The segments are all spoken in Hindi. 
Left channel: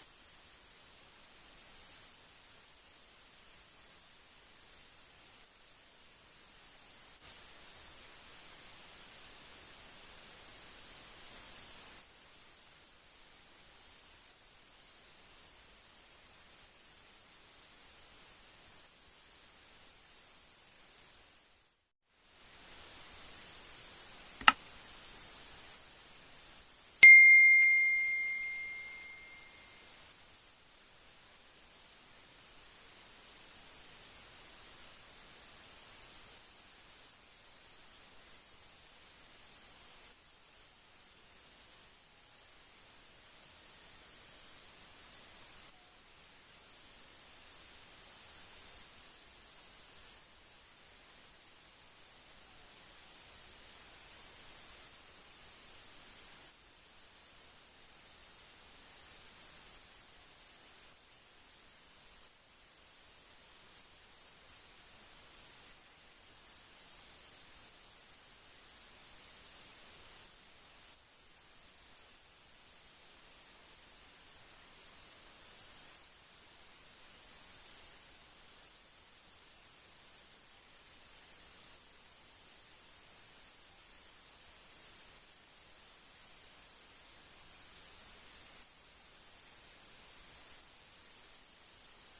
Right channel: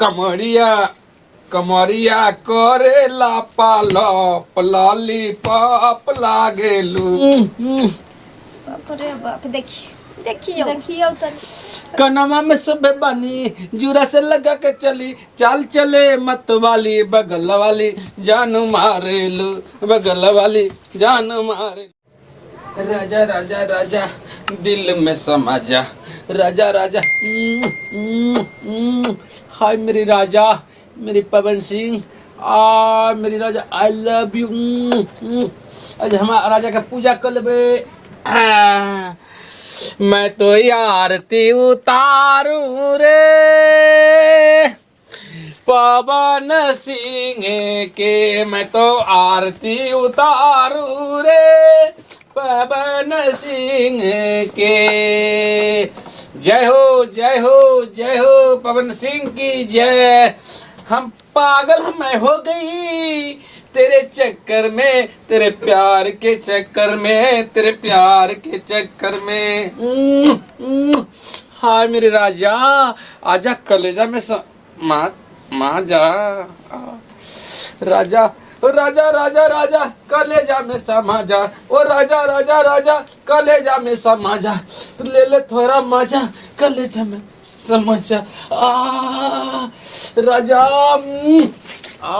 कमरिया कमरिया करे लापालप लॉलीपॉप लागेलू। बाप रे बाप। देखियो कनमा में सुबह बनी जुरा से लगा के चली चाल चले मत वाली बगल वाली जान मारेलू बगल वाली जान मारे। राजा राजा राजा दिल में समा जा राजा राजा। हाय मेरी राजा मेरी पवन सिंह मेरी राजा आई लव यू। आज हमारा राजा का पूजा कर लेबे। मैं तो आरती उतारू रे पवन सिंह के मैं तो आरती उतारू रे पवन सिंह के। जय हो जय हो जय हो पवन सिंह की जय। हम पागल मैं हो गई तेरे चक्कर में तेरे प्यार के चक्कर में तेरे प्यार के चक्कर में। हाय मेरे राजा आजा कलेजा में माँ जा राजा राजा राजा राजा कलेजा में समा जा ओ राजा राजा राजा कलेजा में समा जा तू ले ले थोड़ा मजा कलेजा में समा जा। राजा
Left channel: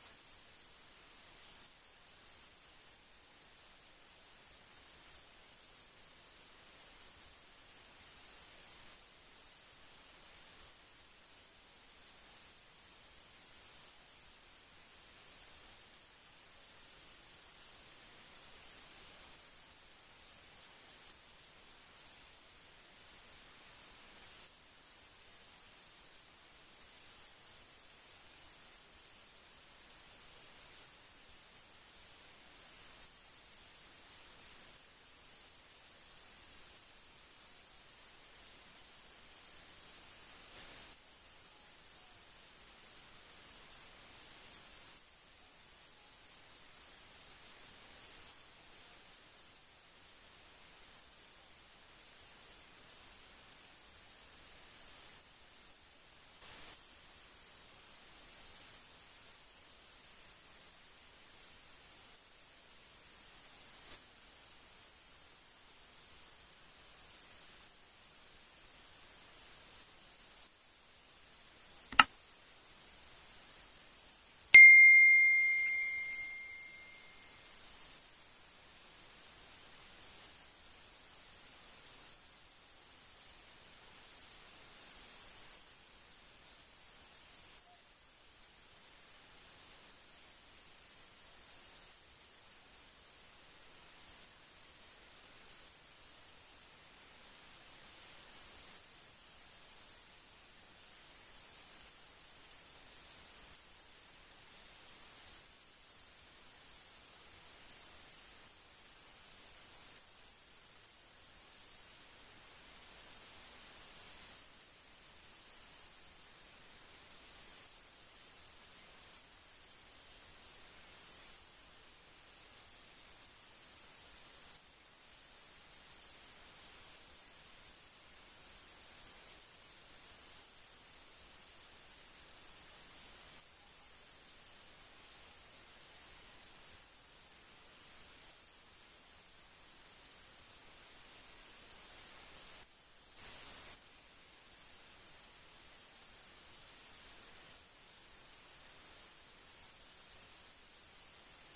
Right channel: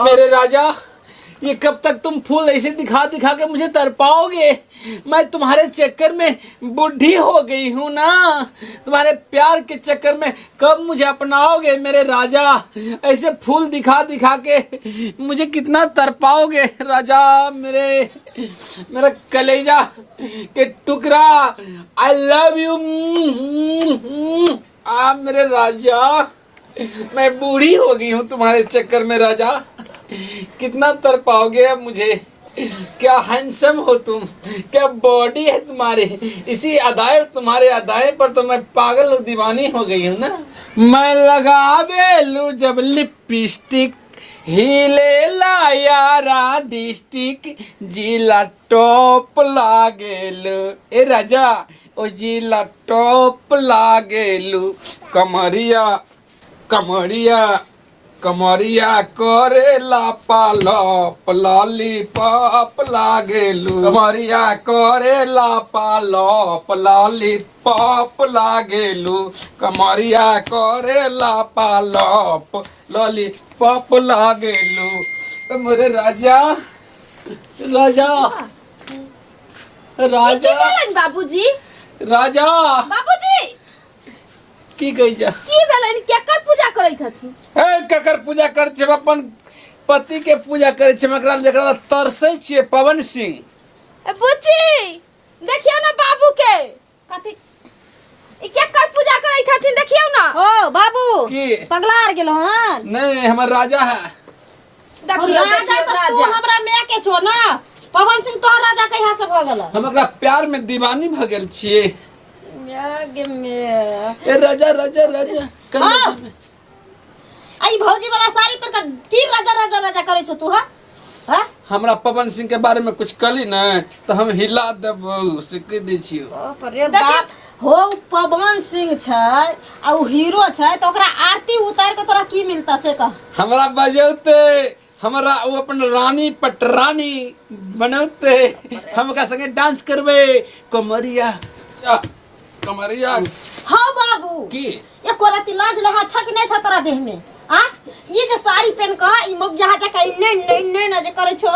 मेरे राजा ये कब तक तुम फूल ऐसे दिखा दिखा के मुझे तरपाओगे। मैं तुम्हारे चक्कर में बुढ़ी हो गई हूँ ना। तुम्हारे प्यार के चक्कर में कब मुझे अपनाओगे मेरे राजा। ऐसे फूल दिखा दिखा के मुझे कितना तरपाओगे राजा। मेरा कलेजा के टुकड़ा आई लव यू। मेरे राजा मैं बूढ़ी हो गई हूँ तुम्हारे चक्कर में राजा। कितना तरपाओगे अब मुझे। क्या हैंडसम हो तुम क्या बॉडी है तुम्हारे। इसी अदाए तुम्हारे अदाए पर तो मैं पागल और दीवानी हो गई हूँ ना। मैं लगा बेलू जब लिपस्टिक हिले ला यारा डिस्ट्रिक्ट जिला टॉप लागेलू ए राजा ओ जिला टॉप लागेलू। कमरिया कमरिया कमरिया करे लापालप लॉलीपॉप लागेलू। कमरिया करे लापालप लॉलीपॉप लागेलू। कमरिया करे लापालप लॉलीपॉप लागेलू। मेरे राजा राजा राजा बाबूजी राजा बाबूजी की कही जा की भेलन केकर पूजा करैत हथि। ए केकर पूजा कर छे अपन पति के पूजा करे छे मकरा जेकरा तरसै छिए पवन सिंह। ए बुच्ची देखियो ना बाबू के कथि ई केकर पूजा करैत हथिन देखियो ना। ओ बाबू की पगला गेलो हन। नहीं हमर राजा है। देखियो राजा राजा तू हमरा में के छो ना। पवन सिंह तोहर राजा कहिया से भ गेल। हम एकरा प्यार में दीवानी भ गेल छिए। यागे में ए राजा राजा राजा हाँ। आई भौजी वाला साड़ी पर का की राजा राजा राजा करे छो तू। हां हमरा पवन सिंह के बारे में कुछ कली ना तो हम हिला देबो से कह दै छियो। अरे बाप हो पवन सिंह छै आ उ हीरो छै तो ओकरा आरती उतार के तोरा की मिलता से कह। हमरा बजौते हमरा वो अपन रानी पटरानी बनौते हम का संगे डांस करबे कमरिया कमरिया। हां बाबू की ये कोलाती लाज लहा छक नै छ तोरा देह में। आ ये से साड़ी पहन के ई मोग जहा जका नै न जे करे छो।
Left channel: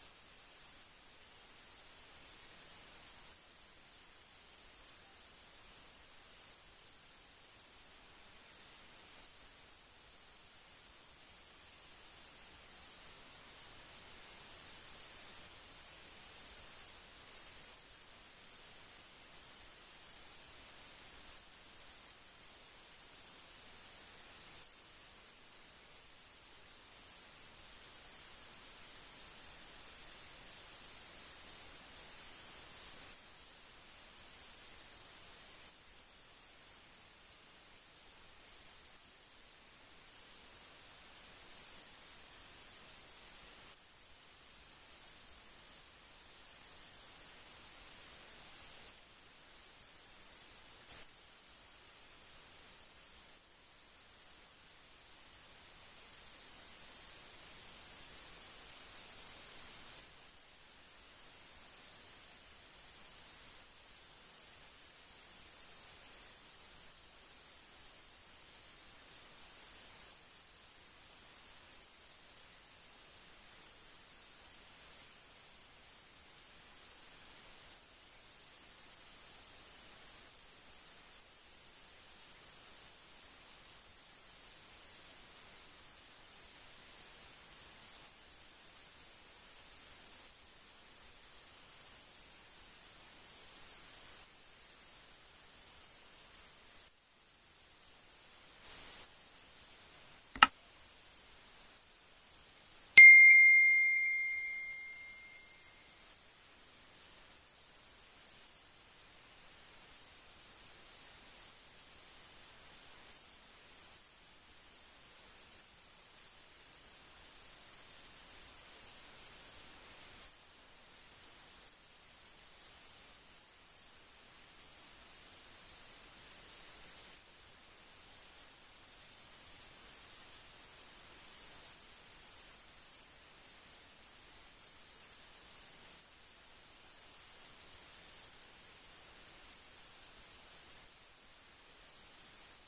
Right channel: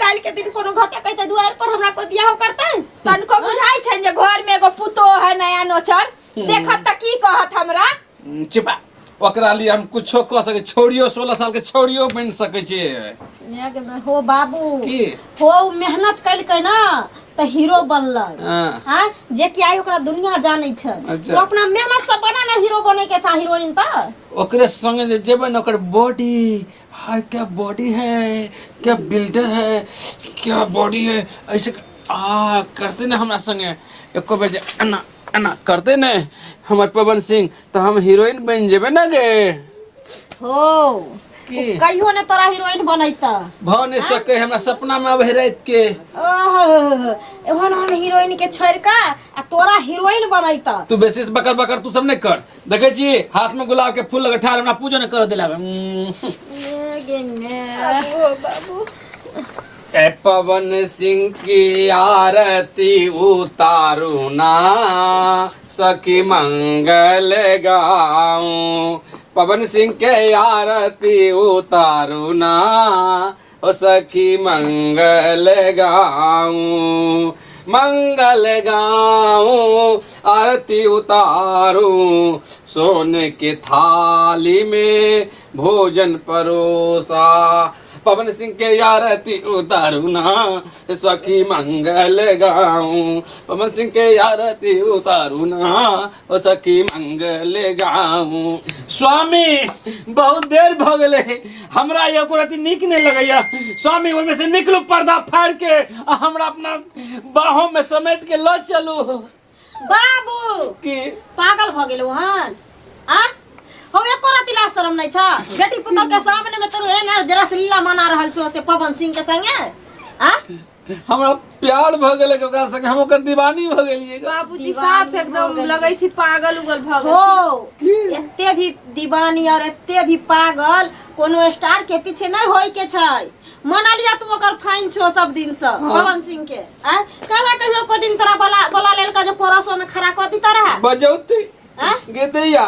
काल के दिन कोनो घटा कहते द्वार पर हमरा कोई बियाह करते तन को बुझाई छै जे घर में एगो पुतो है नया नोचर देखत त की कहत हमरा। चिपा ओकरा लिए हम कुछो क सके छोड़ियो 16 साल के छोड़ियो बन सके छे। मेग में हो बाबू की हो मेहनत कल के ना त हीरो बनलै। हां जे कि आई ओकरा दुनिया जानै छै अच्छा। तो अपना मेहनत से बना ना हीरो बने के चा हीरोइन त ओकरे संगे जे जेबे न ओकर बॉडी हाय क्या बॉडी है क्या बिल्डर है क्या बॉडी है ऐसे करते ना हमरा संगे एको बेर अन्ना अन्ना करते न हमर पवन सिंह तो हम हीरोइन बन जेबे ना गे। हो की कहियो ने तोरा हीरोइन बनैता भ नहीं सके हमरा सपना में आवे रात के एहन हीरोइन के छोड़ का आ तोरा हीरोइन बनैता। तू बेसी बकर बकर तू सब नहीं कर। देखे छी हाथ में गुलाब के फूल लगा ठार हमरा पूजा नहीं कर देला। बाबू ए पवन सिंह की आरती उतारू ना सखी मंगल गाऊं। पवन सिंह के आरती उतारू ना ओ सखी मंगल गाऊं। मंगल गाऊं आरती उतारू सोने की थाली में भोजन परोसा। पवन सिंह के आरती उतारू ना सखी मंगल गाऊं। पवन सिंह के आरती उतारू ना ओ सखी मंगल गाऊं। स्वामी बहुत देर भ गेले हमरा ये कुरती नीक नहीं लगैया। स्वामी ओमे से निकलू पर्दा फाड़ के हमरा अपना बाहों में समेट के ल चलू। बाबू की पागल भ गेलो हन आ हो एको राति ला शरम नहीं छ बेटी पुतौ के सामने में तोरो एना जरा से लीला मना रहल छो से पवन सिंह के संगे आ हमरा प्यार भ गेले ओकरा संगे हम ओकर दीवानी भ गेलिए। बाबूजी साफ एकदम लगई थी पागल उगल भगल हो एते भी दीवानी और एते भी पागल कोनो स्टार के पीछे नहीं होई के छै। मना लिया तू ओकर फाइन छो सब दिन से पवन सिंह के आ कहवा कहियो को दिन तोरा बोला लेल का जो कोरसो में खड़ा कर दी तरह बजौती गे दैया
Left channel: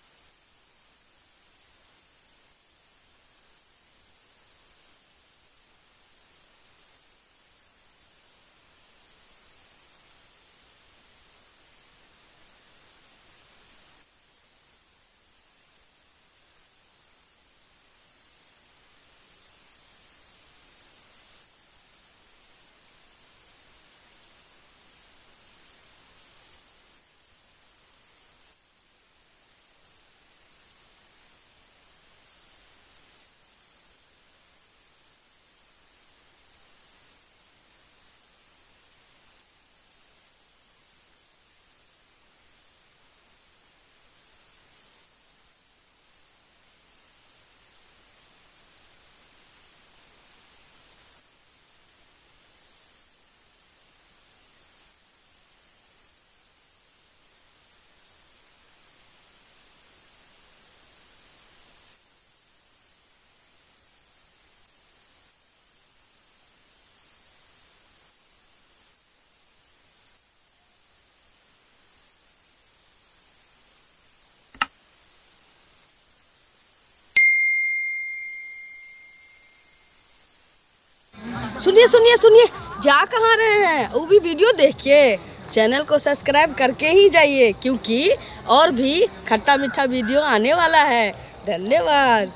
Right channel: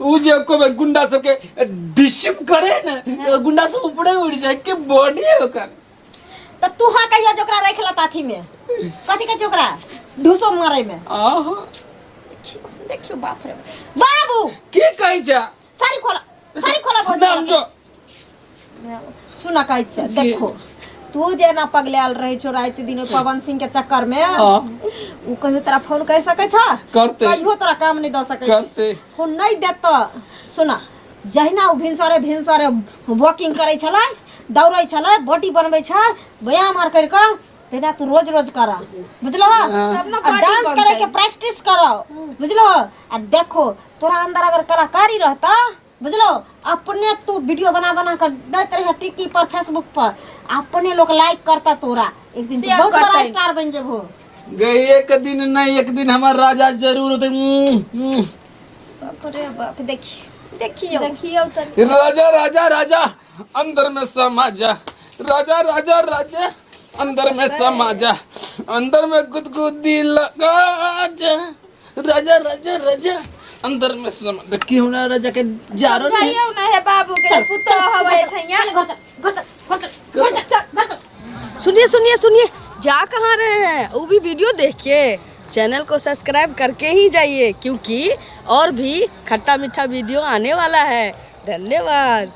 उ जे को गुंडा सब के डिशम करे ना गुंडा सब ऊपरे उड़ जाए के बॉडी है ओकर। त तू हां कहिया जोकरा रखला ताथी में कथि के जोकरा ढूसो मारे में आहा देखियो बाप रे बाबू के कहि जा सारी खोला नाम जो सुना कहि छ देखो तू जे ना पगलाल रहे छो रात दिन पवन सिंह के चक्कर में उ कहियो तोरा फोन कर सके छ करते कहियो तोरा काम नहीं द सके करते हो नहीं देत। सुना जहिना उ भिनसरे वॉकिंग करे छले दौड़े छले बॉडी बनबै छ व्यायाम आर कर के तेना तू रोज रोज करा बुझलो डांस करे के प्रैक्टिस करो बुझलो। आ देखो तोरा अंदर अगर कलाकारी रहता बुझलो अपने तू वीडियो बना कर देते रहे टिकी पर फेसबुक पर अपने लोग लाइक करता तोरा एक दिन बहुत बड़ा स्टार बन जबो। गई एक दिन नहीं एक दिन हमार राजा जरूर होते। बाप रे बाप देखियो राजा राजा राजा अंदर में समा जा। राजा राजा राजा अंदर में समा जा। अंदर में गुदगुदी लगा जा। राजा राजा राजा अंदर में समा देखी हमरा राजा के जारो जाइयो ना है बाबू के पुतो हवे ठैया। सुनिए जा कहाँ रहे हैं? वो भी वीडियो देखिए, चैनल को सब्सक्राइब करके ही जाइए क्योंकि और भी खट्टा मीठा वीडियो आने वाला है। धन्यवाद।